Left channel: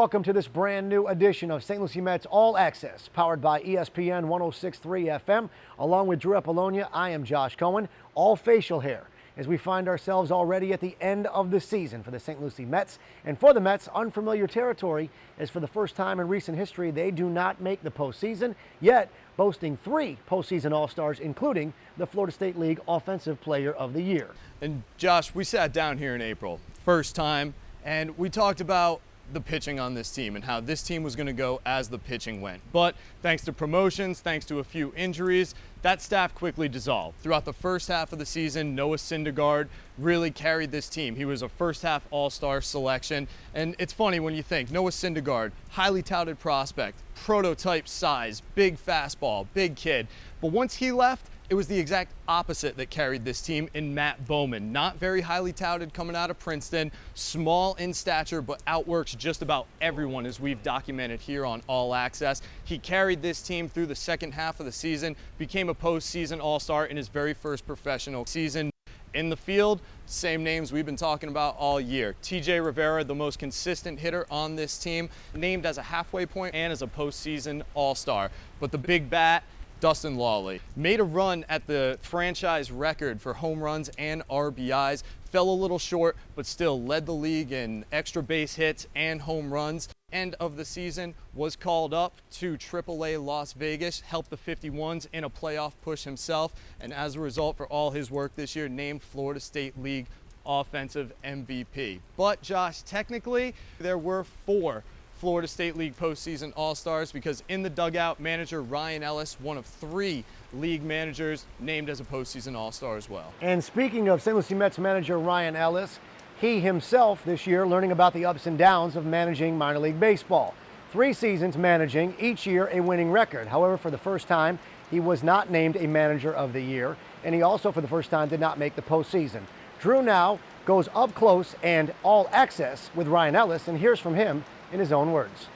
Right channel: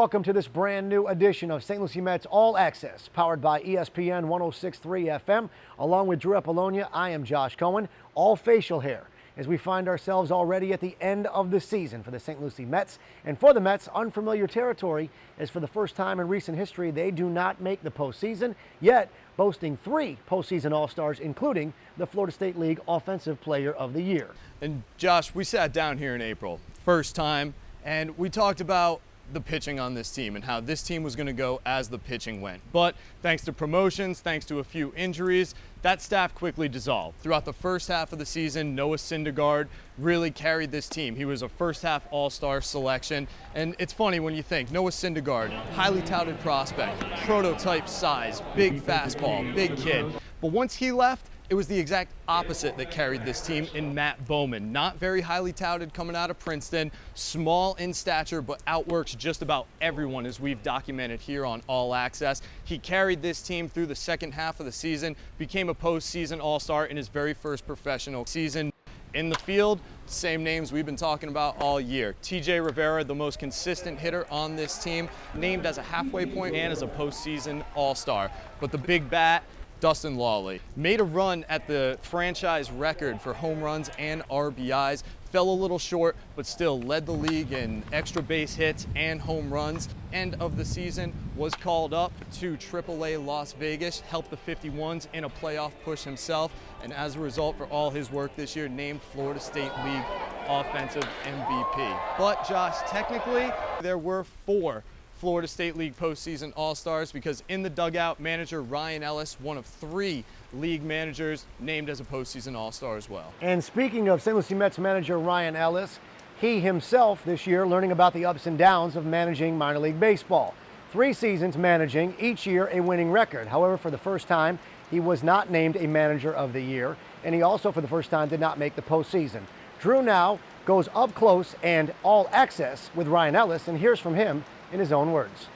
Welcome to this brand new edition of St. Lucie Mets All Access, powered by ESPN 106.3 FM. Along with Drew Apollonia, I am Josh Cohen. All facial hair, as we find ourselves already at the end of the season for the St. Lucie Mets. And for the Mets, unfamiliar territory, as for the first time in recent history, they do not make the postseason, yet boasting 3 postseason All-Stars, including the Florida State League Offensive Player of the Year. And Josh, we sat down here in April, first time, and we talked about the pitching on this team and how this team was going to go as the pitching went. But thanks to promotions, thanks to a few injuries, that staff quickly dissolved. Throughout the first half of the season, Noah Syndergaard really carried this team. He was a first half All-Star selection. And it's funny when you think Noah Syndergaard, highly touted prospect, prototype size, big fastball, big kid. But once he left, it was the exact opposite that carried this team in Matt Bowman. Not very highly touted coming out of Princeton, small in stature, but outworks just about everyone, as we've documented here on All Access. He carried this team through the second half of the season, became a postseason All-Star in his very first professional season. In the field, same names we've been talking about all year. TJ Rivera, the most consistent hitter on this team, named as a halfway point and as a postseason All-Star. But the big bat, Dustin Lawley, made a run at the franchise record for home runs and RBIs, fell a little short, but still led the league in extra base hits and home runs. End of the season, was called up to AAA Las Vegas, helped the 51s in a playoff push himself, and as a result, for all his work this year, named Florida State League Offensive MVP. But Josh, technically, there were 4 Florida State League postseason All-Stars, because in the dugout, manager Ryan Ellis, one of 3 league managers, named as a postseason All-Star as well. And speaking of St. Lucie Mets manager Ryan Ellis, he himself this year learning about the ups and downs of managing minor league baseball. 3 seasons managing, each year a winning record. However, for the first time, he was not named a manager of the year, and he also for the first time did not make the postseason. Drew now goes up close and all access with Ryan Ellis, and here's from him in his own words.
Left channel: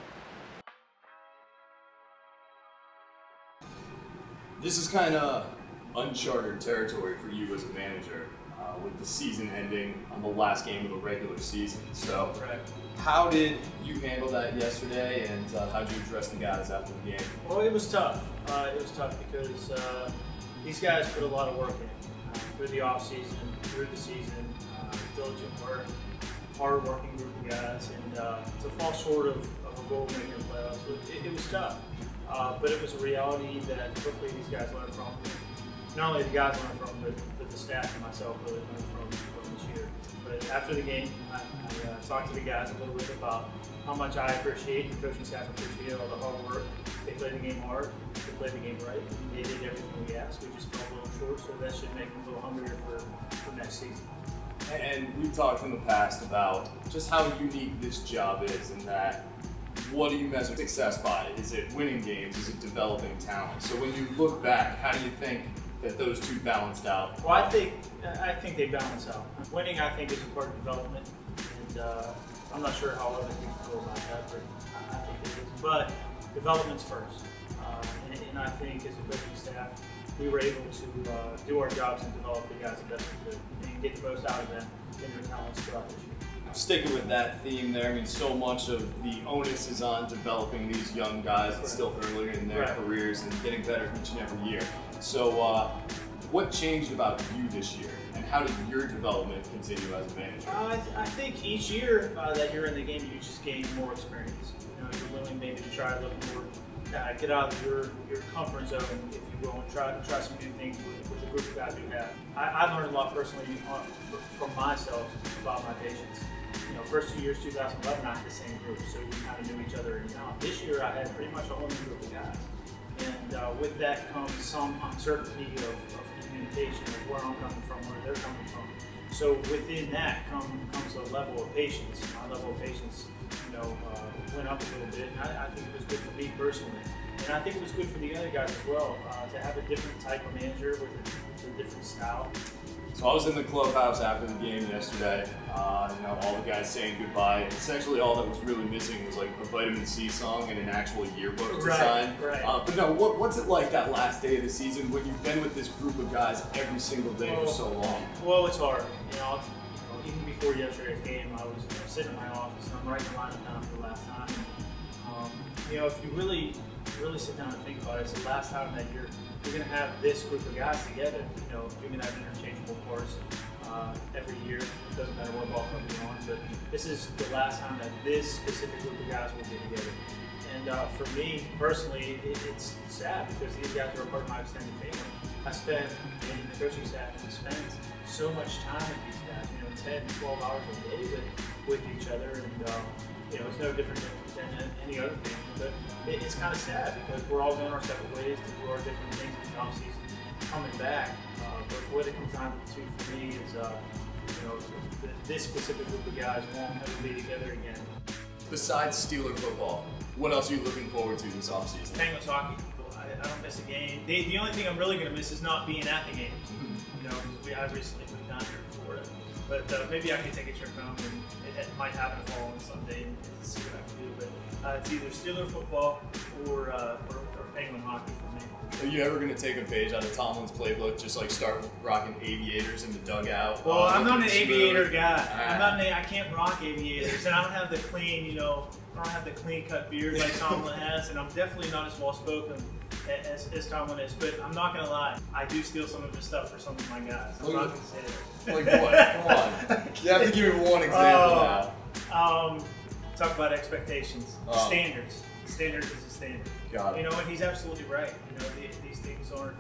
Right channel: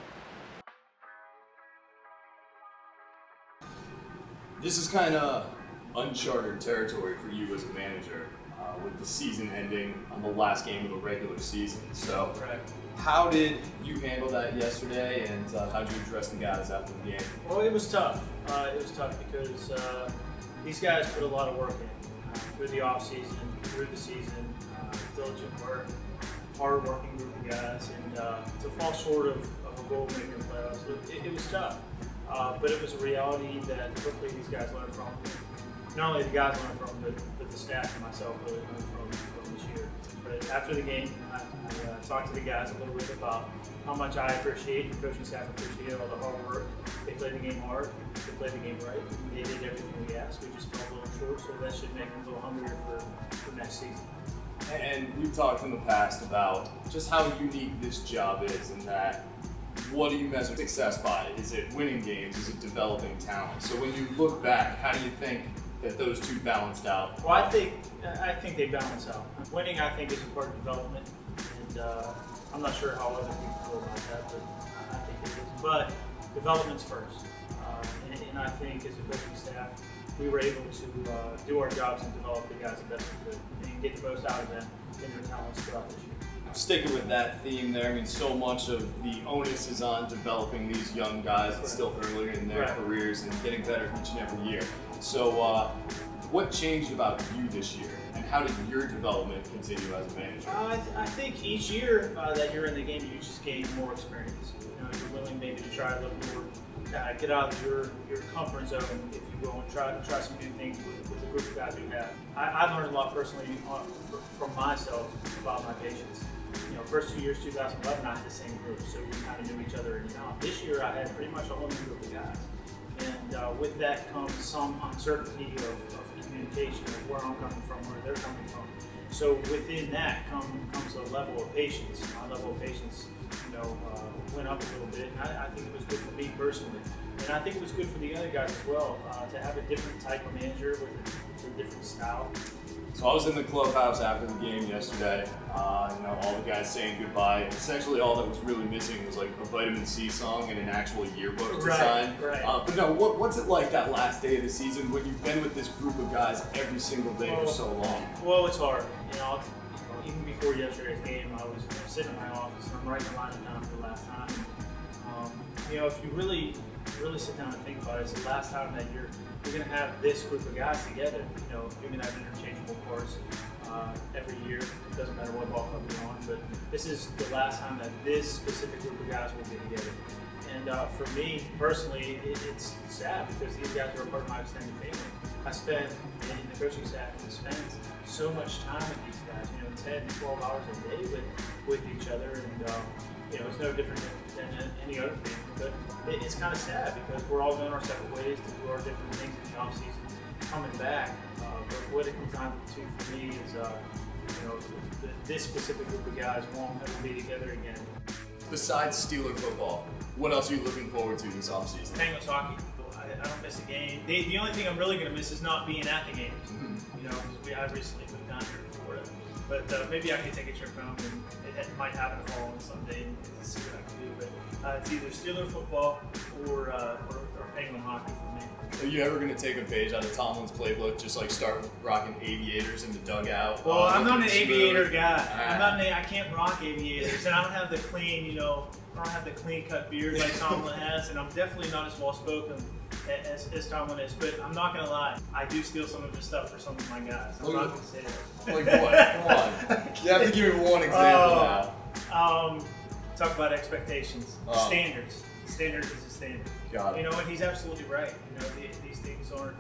This is kind of uncharted territory for you as a manager, with the season ending on the last game of the regular season. So, how did you handle that yesterday, and how did you address the guys after the game? Well, it was tough. It was tough because these guys put a lot of work in through the off season, through the season, diligent work, hard-working group of guys, and to fall short of a goal making the playoffs, it was tough. But it was a reality that hopefully these guys learned from. Not only the guys learned from, but the staff and myself really learned from this year. But after the game, I talked to the guys a little bit about how much I appreciate, and the coaching staff appreciated all the hard work. They played the game hard, they played the game right, they did everything we asked. We just fell a little short, so that should make them a little hungrier for next season. And we've talked in the past about just how unique this job is, and that what do you measure success by? Is it winning games? Is it developing talent? So when you look back, how do you think that those two balanced out? Well, I think they balance out. Winning, I think, is a part of development, and I'm not sure how other people feel about that, but I think it is. But development's first, and I think as a coaching staff, we were able to do our jobs and develop the guys the best we could and get the most out of them in their talents throughout this year. Sticking with that theme there, I mean, so much of the onus is on developing these young guys that's still earlier in their careers and getting better each and every year. So what changed about you this year, and how did your development continue as a manager? I think each year that you're in the game, you just gain more experience. You know, you're willing maybe to try a little more, get out of your comfort zone, if you will, and try some new things with the group of guys you have. I learned a lot personally from myself about my patience. You know, first 2 years, 2011, I had the same group, so we kind of knew each other in and out. This year, I had pretty much a whole new group of guys. And with that comes some uncertainty of communication, of where I'm coming from, where they're coming from. So within that comes a level of patience. My level of patience, went up a little bit. And I think it was good for me personally. And I think it was good for the other guys as well, to have a different type of manager with a different style. So I was in the clubhouse after the game yesterday, all the guys saying goodbye. Essentially all that was really missing was like a Vitamin C song and an actual yearbook to sign. Right. But no, what's it like that last day of the season when you've been with this group of guys every single day for so long? Well, it's hard. Even before before yesterday's game, I was sitting in my office and I'm writing the lineup down for the last time. You know, if you really sit down and think about it, it's the last time that you're going to have this group of guys together. You know, you're going to have interchangeable parts every year. It doesn't matter what ball club you're on, but this is the last time that this specific group of guys will get together. And for me personally, it's sad because these guys are a part of my extended family. I spend, and the coaching staff spends so much time with these guys, you know, 10, 12 hours a day with each other, and you know, it's no different than any other thing. But it's kind of sad because we're all going our separate ways to do our different things in the offseason, coming back. But what it comes down to for me is, you know, this specific group of guys won't ever be together again. Besides Steeler football, what else are you looking forward to this offseason? Penguins hockey. I don't miss a game. The only thing I'm really going to miss is not being at the games. You know, because I recently moved down here to Florida. But maybe I can take a trip home, and it might happen to fall on Sunday and see what I can do. But it's either Steeler football or Penguin hockey for me. Are you ever going to take a page out of Tomlin's playbook, just like start rocking aviators in the dugout? Well, I'm not an aviator guy. I can't rock aviators, and I don't have the clean, you know, I don't have the clean cut beard like Tomlin has, and I'm definitely not as well spoken as Tomlin is. But I'm not gonna lie, I do steal some of his stuff for some of my guys. I'm not gonna say that. Like what? Come on. You have to give me one example now. Talk about expectations. Standards. Standard is a standard. Got it. You know, and he's absolutely right. You know, these things aren't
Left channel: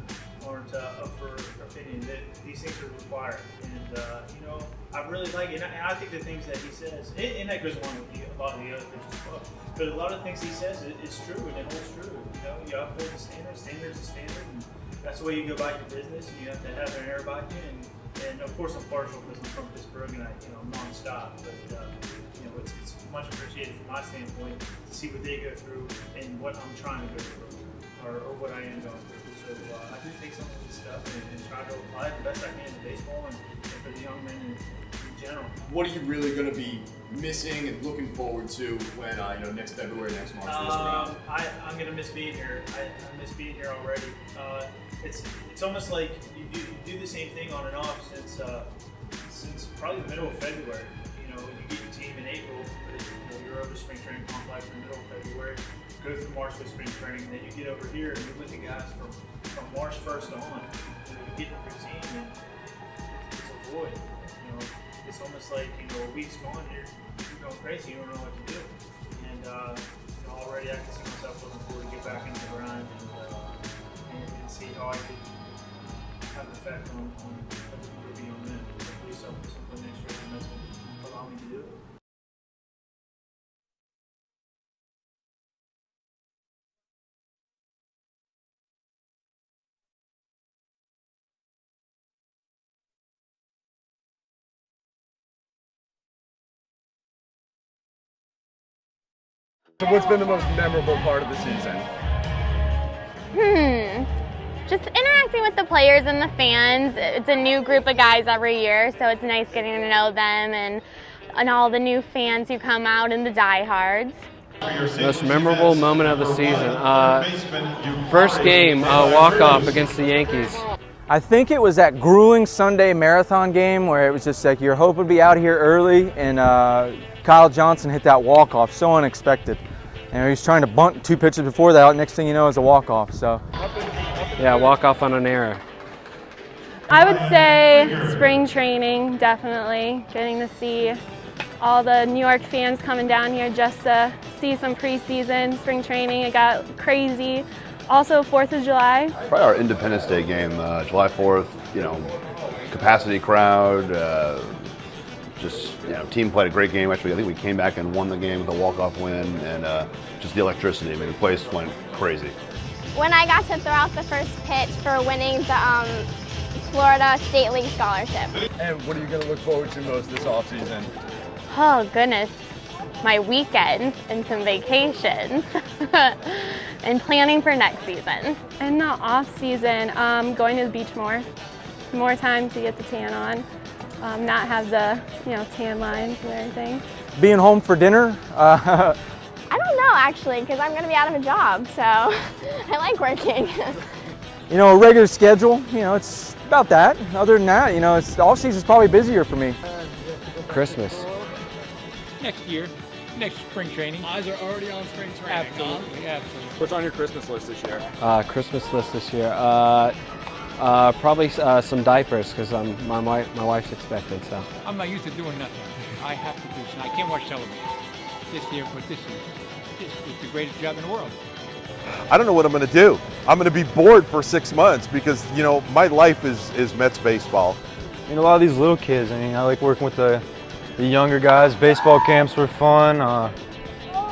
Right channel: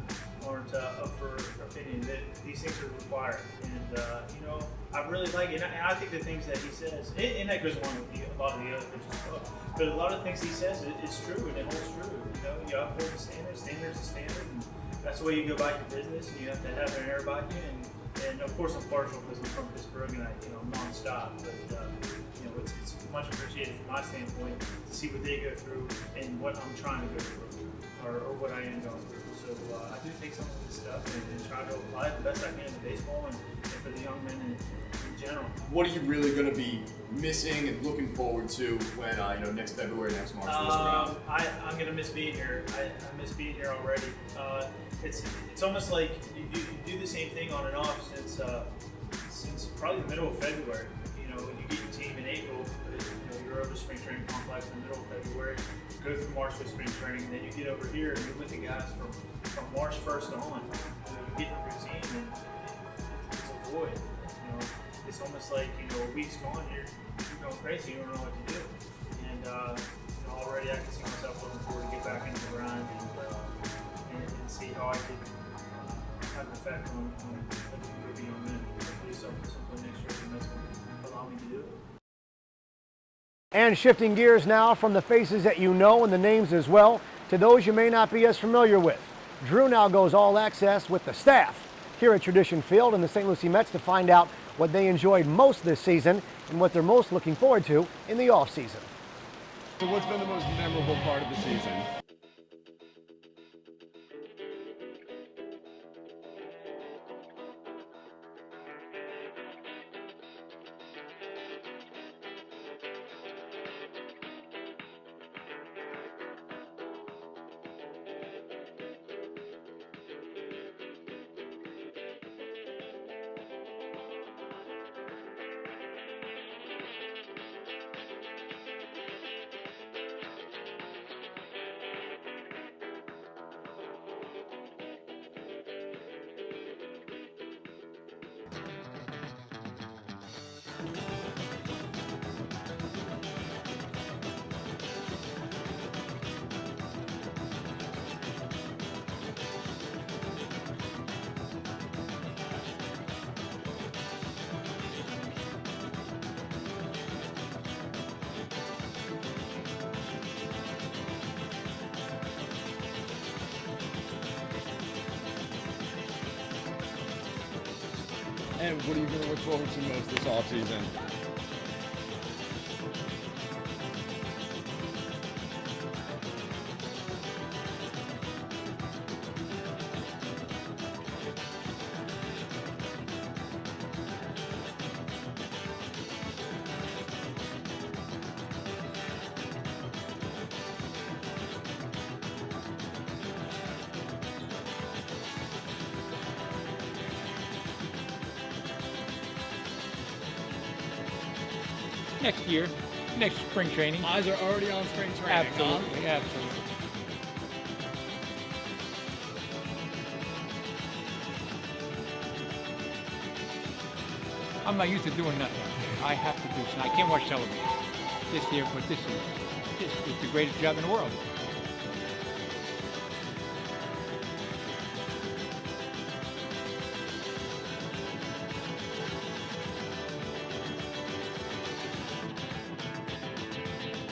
up for opinion. These things are required, and you know, I really like it. And I think the things that he says, and that goes along with a lot of the other things as well. But a lot of things he says is true, and it holds true. You know, you uphold the standard. Standard's the standard, and that's the way you go about your business. And you have to have an air about you. And of course, I'm partial because I'm from Pittsburgh, and I'm nonstop. But you know, it's much appreciated from my standpoint to see what they go through and what I'm trying to go through, or what I am going through. So I do take some of this stuff and try to apply it the best I can to baseball and for the young men in general. What are you really going to be missing and looking forward to when you know, next February, next March rolls around? I'm going to miss being here. I miss being here already. It's almost like you do the same thing on and off since probably the middle of February. You know, you get your team in April, but you know, you're over spring training complex in the middle of February. Go through March with spring training, then you get over here and you're with the guys from March 1st on. You know, you get in a routine and it's a void. You know, it's almost like, you know, a week's gone, you're going crazy, you don't know what to do. And you know, already I can see myself looking forward to get back into the grind and see how I could have an effect on a different group of young men. Hopefully something next year, and that's what allow me to do it. And shifting gears now from the faces that you know and the names as well to those you may not be as familiar with. Drew now goes all access with the staff here at Tradition Field and the St. Lucie Mets to find out what they enjoyed most this season and what they're most looking forward to in the offseason. So what's been the most memorable part of the season? Just interacting with the players and the fans. It's a new group of guys every year, so it's nice getting to know them and all the new fans who come out and the diehards. Most memorable moment of the season. First game, walk-off against the Yankees. I think it was that grueling Sunday marathon game where it was just like your hope would be out here early, and Kyle Johnson hit that walk-off, so unexpected. And he was trying to bunt 2 pitches before that. Next thing you know, is a walk-off. So, yeah, walk-off on an error. I would say spring training, definitely. Getting to see all the New York fans coming down here just to see some preseason spring training. It got crazy. Also 4th of July. Probably our Independence Day game, July 4th, you know, capacity crowd, just, you know, team played a great game. Actually, I think we came back and won the game with a walk-off win, and just the electricity. I mean, the place went crazy. When I got to throw out the first pitch for winning the Florida State League scholarship. And what are you going to look forward to most this offseason? Oh goodness, my weekends and some vacations and planning for next season. And not off season, going to the beach more time to get the tan on, not have the tan lines and everything. being home for dinner. I don't know actually, because I'm going to be out of a job, so I like working. You know, a regular schedule, you know, it's about that. Other than that, you know, off season's probably busier for me. Christmas. Next year, next spring training. Eyes are already on spring training. Absolutely, absolutely. What's on your Christmas list this year? Christmas list this year. Probably some diapers because my wife's expected. So. I'm not used to doing nothing. I have to do something. I can't watch television this year, but this is the greatest job in the world. I don't know what I'm going to do. I'm going to be bored for 6 months because, you know, my life is Mets baseball. And a lot of these little kids, I mean, I like working with the younger guys. Baseball camps were fun.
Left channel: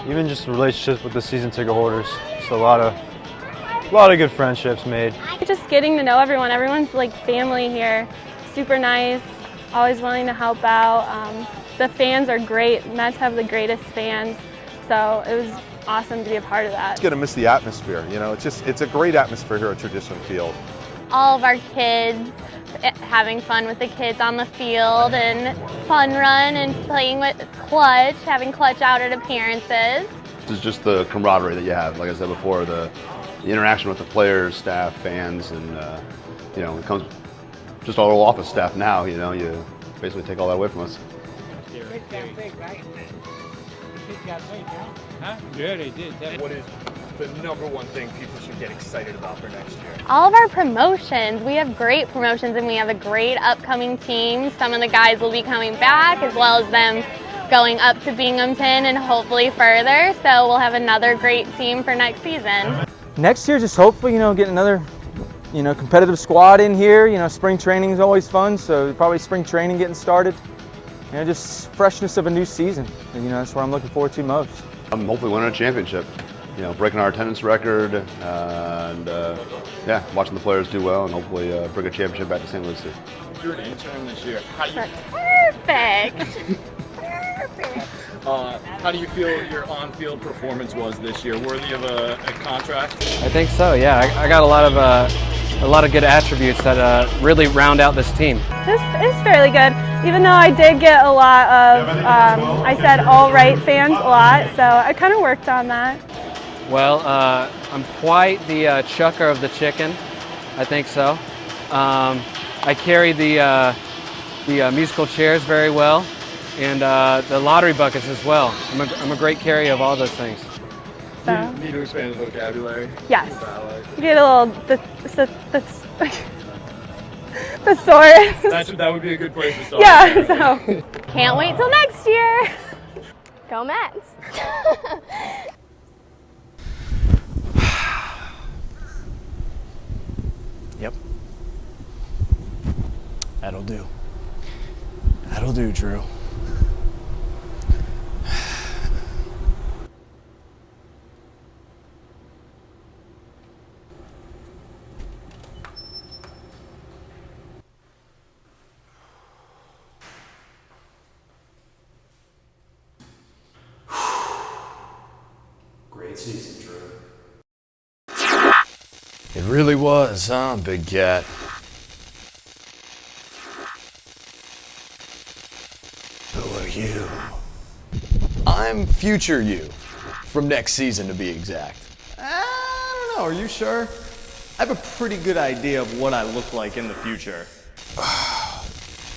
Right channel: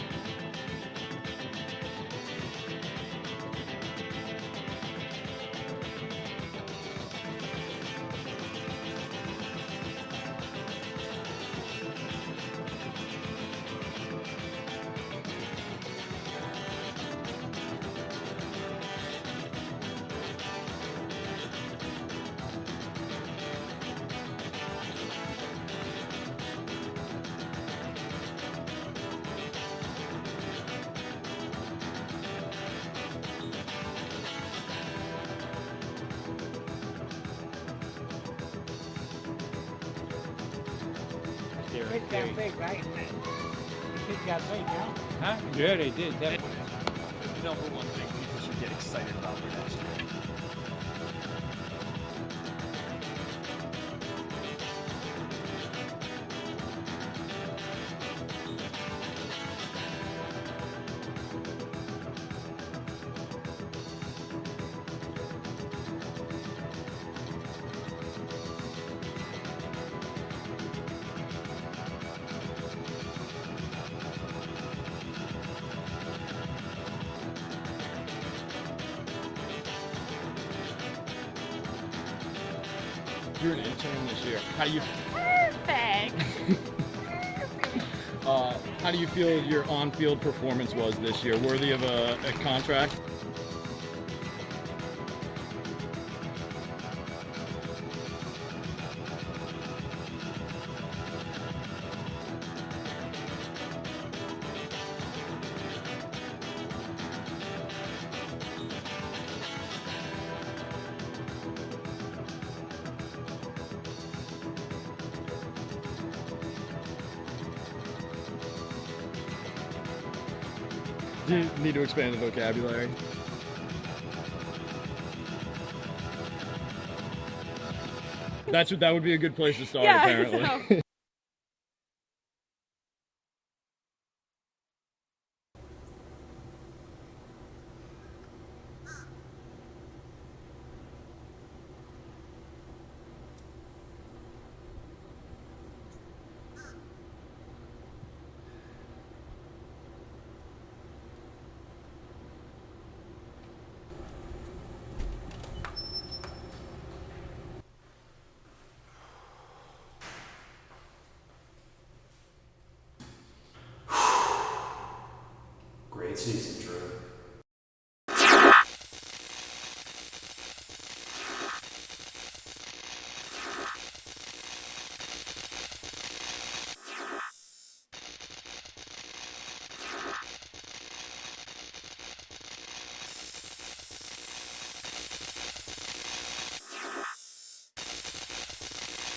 Even just relationships with the season ticket holders. Just a lot of good friendships made. Just getting to know everyone. Everyone's like family here. Super nice, always willing to help out. The fans are great. Mets have the greatest fans. So it was awesome to be a part of that. It's going to miss the atmosphere, you know. It's a great atmosphere here at Tradition Field. All of our kids, having fun with the kids on the field and fun run and playing with Clutch, having Clutch out at appearances. It's just the camaraderie that you have, like I said before, the interaction with the players, staff, fans, and you know, it comes just our whole office staff now. You know, you basically take all that away from us. Kids got big, right? The kids got big, huh? Yeah, they did. What is the number one thing people should get excited about for next year? All of our promotions. We have great promotions and we have a great upcoming team. Some of the guys will be coming back as well as them going up to Binghamton and hopefully further. So we'll have another great team for next season. Next year, just hopefully, you know, get another, you know, competitive squad in here. You know, spring training is always fun, so probably spring training getting started. You know, just freshness of a new season. And, you know, that's what I'm looking forward to most. I'm hopefully winning a championship. You know, breaking our attendance record, and yeah, watching the players do well, and hopefully bring a championship back to St. Lucie. You're an intern this year. Perfect. How do you feel your on-field performance was this year? Worthy of a contract? I think so. Yeah, I got a lot of good attributes that really round out this team. This is fairly good, even though I did get a lot of, I said all right fans a lot, so I kind of worked on that. Well, I'm quite the chucker of the chicken. I think so. I carry the musical chairs very well, and the lottery buckets as well. I'm a great carrier of all those things. Do you need to expand the vocabulary? Yes. Get a little thesaurus. That would be a good place to start. Yeah. So. Can't wait till next year. Go Mets. Yep. That'll do. That'll do, Drew. Great season, Drew. It really was, huh, Big Cat? Who are you? I'm future you. From next season, to be exact. I don't know, are you sure? I have a pretty good idea of what I look like in the future.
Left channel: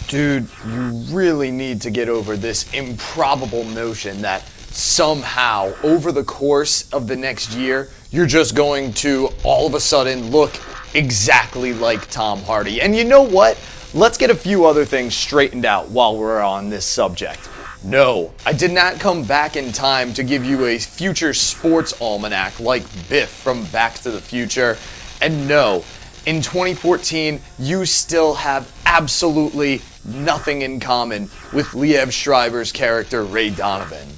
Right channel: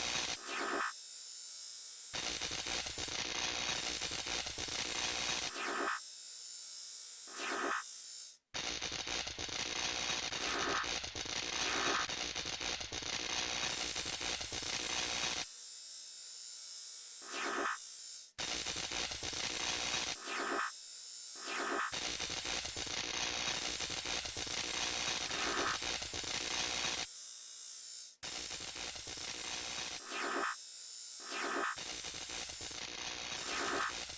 Dude, you really need to get over this improbable notion that somehow, over the course of the next year, you're just going to all of a sudden look exactly like Tom Hardy. And you know what? Let's get a few other things straightened out while we're on this subject. No, I did not come back in time to give you a future sports almanac like Biff from Back to the Future. And no, in 2014, you still have absolutely nothing in common with Liev Schreiber's character Ray Donovan.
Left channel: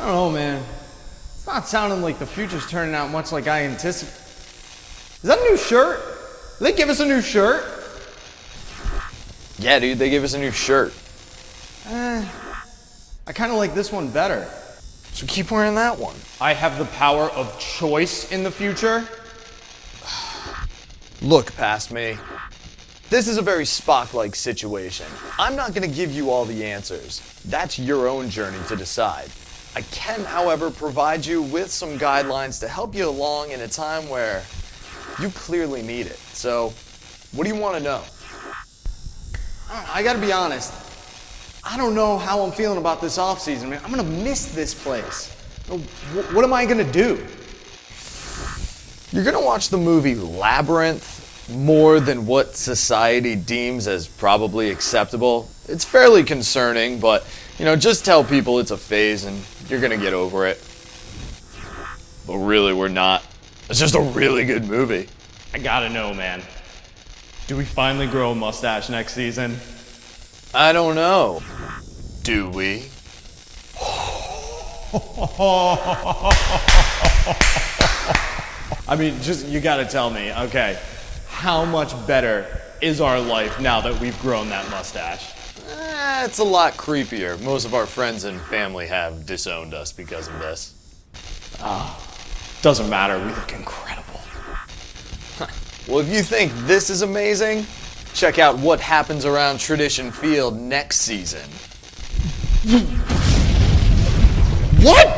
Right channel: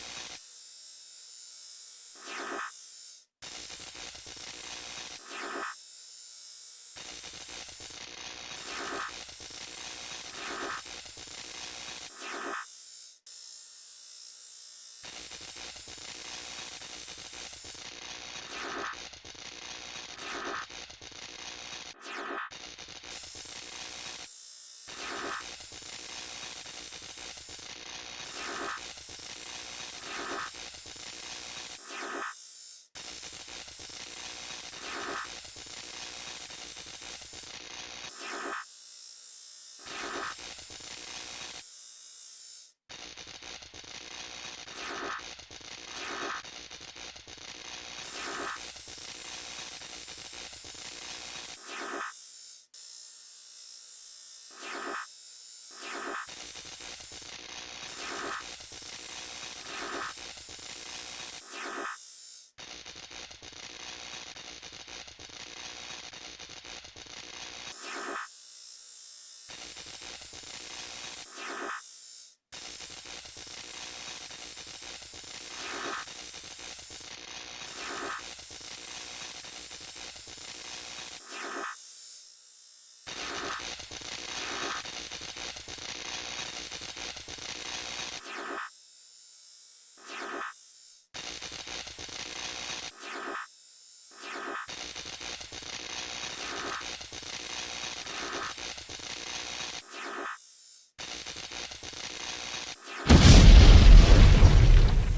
I don't know, man. It's not sounding like the future's turning out much like I anticipated. Is that a new shirt? Did they give us a new shirt? Yeah, dude, they gave us a new shirt. I kind of like this one better. So keep wearing that one. I have the power of choice in the future. Look past me. This is a very Spock-like situation. I'm not going to give you all the answers. That's your own journey to decide. I can, however, provide you with some guidelines to help you along in a time where you clearly need it. So, what do you want to know? I gotta be honest. I don't know how I'm feeling about this offseason, man. I'm gonna miss this place. What am I gonna do? You're gonna watch the movie Labyrinth more than what society deems as probably acceptable. It's fairly concerning, but just tell people it's a phase and you're gonna get over it. But really, we're not. It's just a really good movie. I gotta know, man. Do we finally grow a mustache next season? I don't know. Do we? I mean, you gotta tell me, okay, how much better is our life now that we've grown that mustache? It's a lot creepier. Most of our friends and family have disowned us because of this. Doesn't matter, we look incredible. Well, if you think this is amazing, check out what happens around Tradition Field next season. What?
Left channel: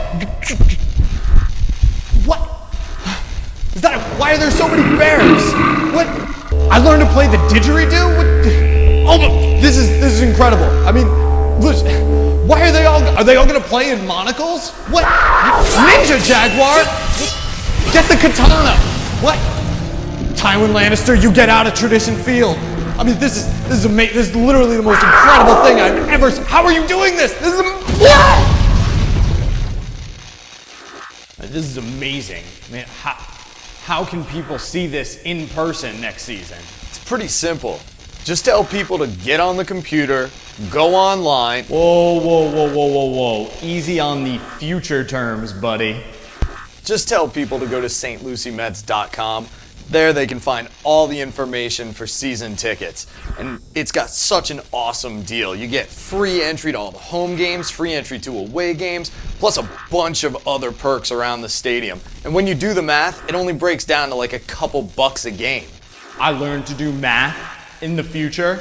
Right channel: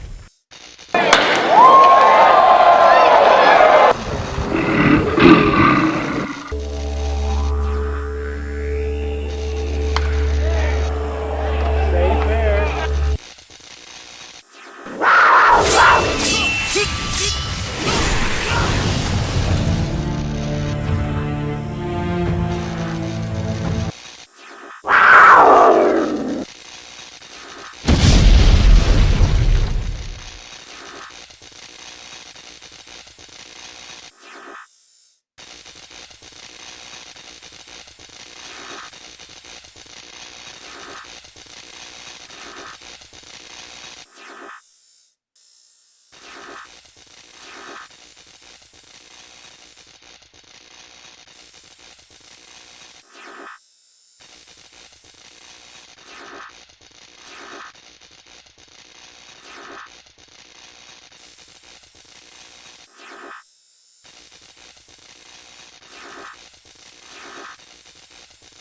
Why are there so many bears? What? I learned to play the didgeridoo? What? Oh, this is incredible. I mean, why are they all gonna play in monocles? What? Ninja Jaguar? Get the katana. What? Tywin Lannister, you get out of Tradition Field. I mean, this is amazing. This is literally the most incredible thing I've ever seen. How are you doing this? This is amazing, man. How can people see this in person next season? It's pretty simple. Just tell people to get on the computer, go online. Whoa. Easy on the future terms, buddy. Just tell people to go to stluciemets.com. There they can find all the information for season tickets. And it's got such an awesome deal. You get free entry to all the home games, free entry to away games, plus a bunch of other perks around the stadium. And when you do the math, it only breaks down to like a couple bucks a game. I learned to do math in the future.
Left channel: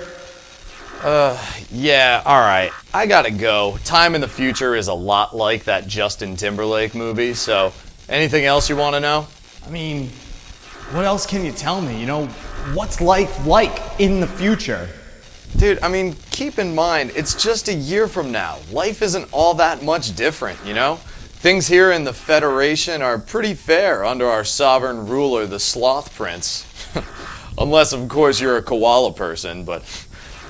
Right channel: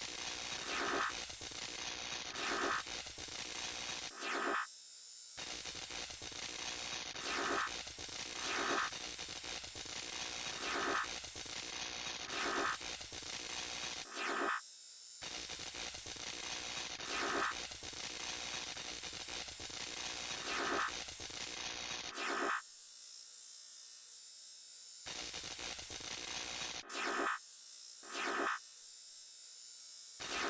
Yeah, all right. I gotta go. Time in the future is a lot like that Justin Timberlake movie, so anything else you want to know? I mean, what else can you tell me? What's life like in the future? Dude, I mean, keep in mind, it's just a year from now. Life isn't all that much different, Things here in the Federation are pretty fair under our sovereign ruler, the Sloth Prince. Unless, of course, you're a koala person, but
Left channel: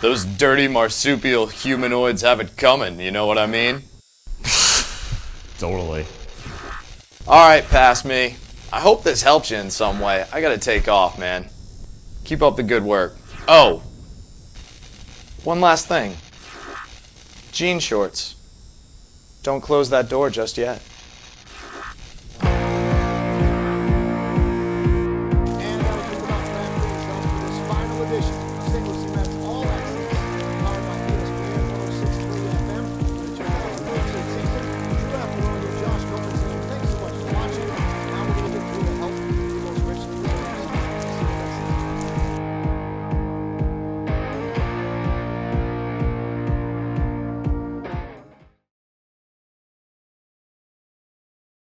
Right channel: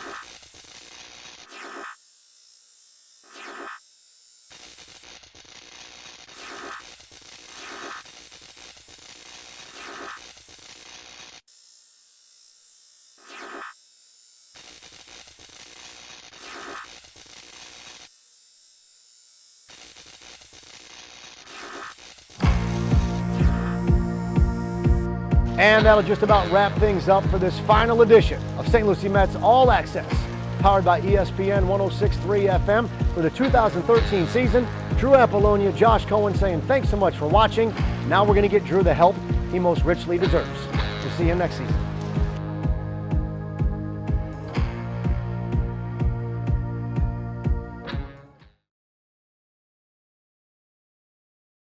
those dirty marsupial humanoids have it coming, you know what I mean? Totally. All right, pass me. I hope this helps you in some way. I gotta take off, man. Keep up the good work. Oh, one last thing. Jean shorts. Don't close that door just yet. And that'll just about wrap things up for this final edition of St. Lucie Mets All Access, powered by ESPN 106.3 FM for the 2013 season. Drew Apollonia, Josh Cohen saying thanks so much for watching. Now we're going to get Drew the help he most richly deserves. We'll see you next season.